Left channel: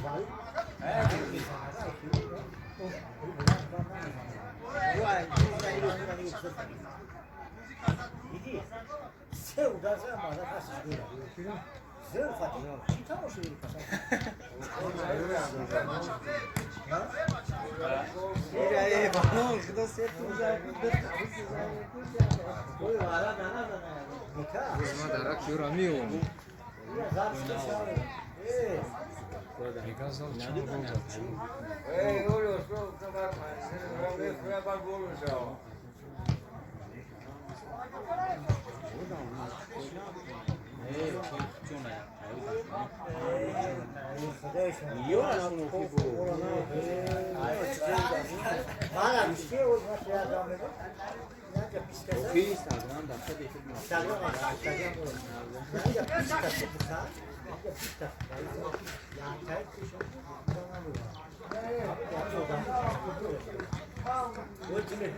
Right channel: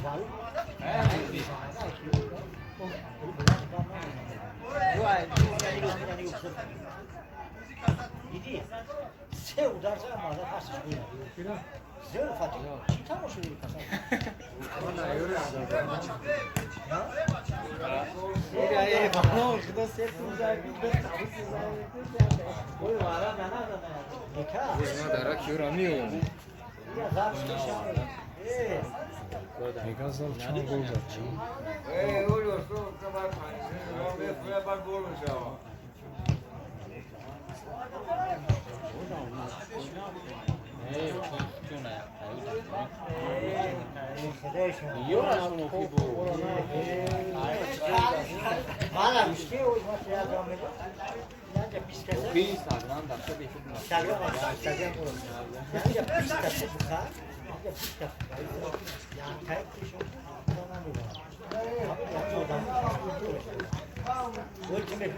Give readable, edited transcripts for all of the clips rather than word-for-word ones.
Se udarsa ama da pasız böyle. Zero Fatih. Çita mı şöyle pasar? Ya bana kıda sertim zaten. Oy ara bana da. Deka. Darak yoramıyor onu. Ya zar işte şahane. Mekazdan çok olacak. Oluyorsa bak. Ben bak olmuş ya. Bana bir şey olmaz ya Ahmet'e. Bence biz kesin. Bir Instagram da tabii ki. Instagram var. Instagram var. Bence biz kesin. Bence biz kesin. Yani kayıt dışı. Bana bu var. Abi yapıyorlar. O kimi?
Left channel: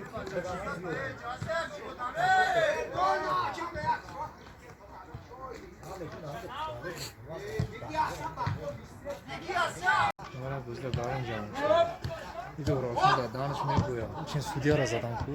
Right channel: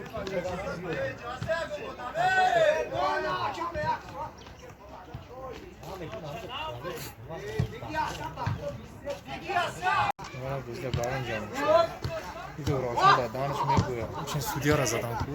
Mana bizda baran jam. ಇದು ರಾಸದ ದಾನ ಸುಮೇಕು ಉಚನ್ ಸುದಿಯಾರ ಜದಾಂಕು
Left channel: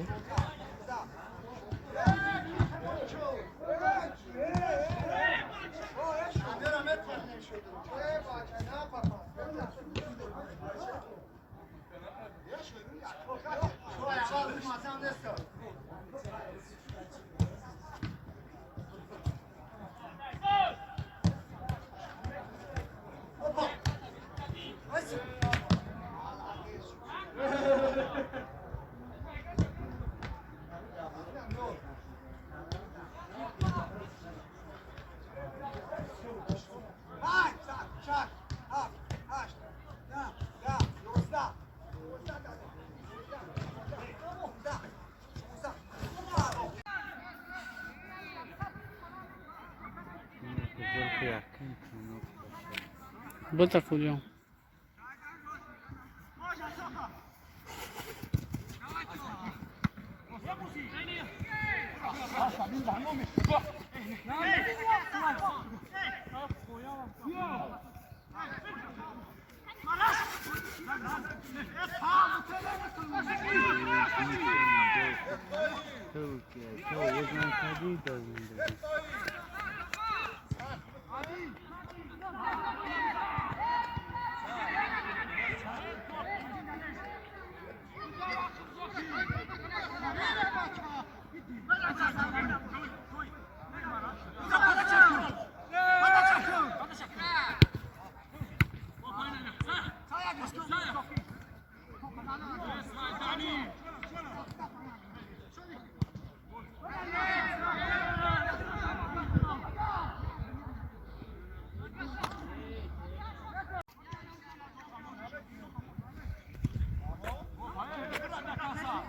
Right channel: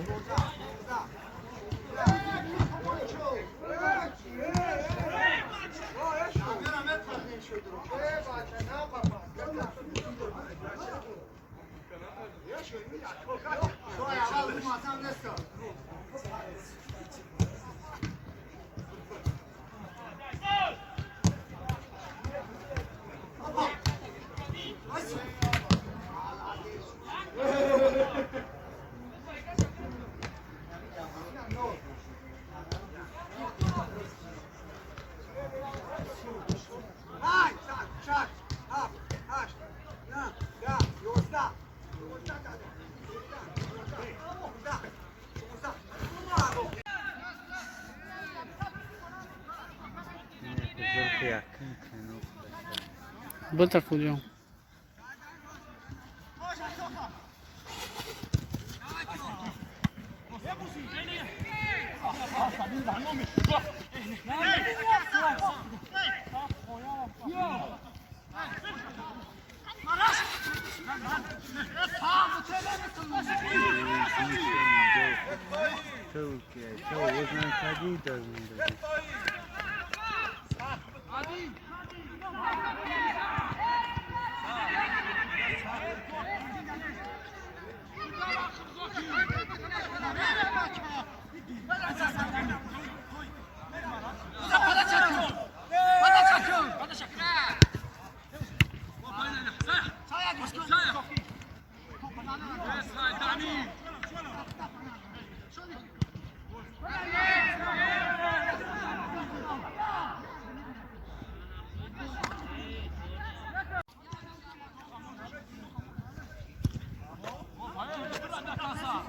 Bota Julião. Bırak da kalsa.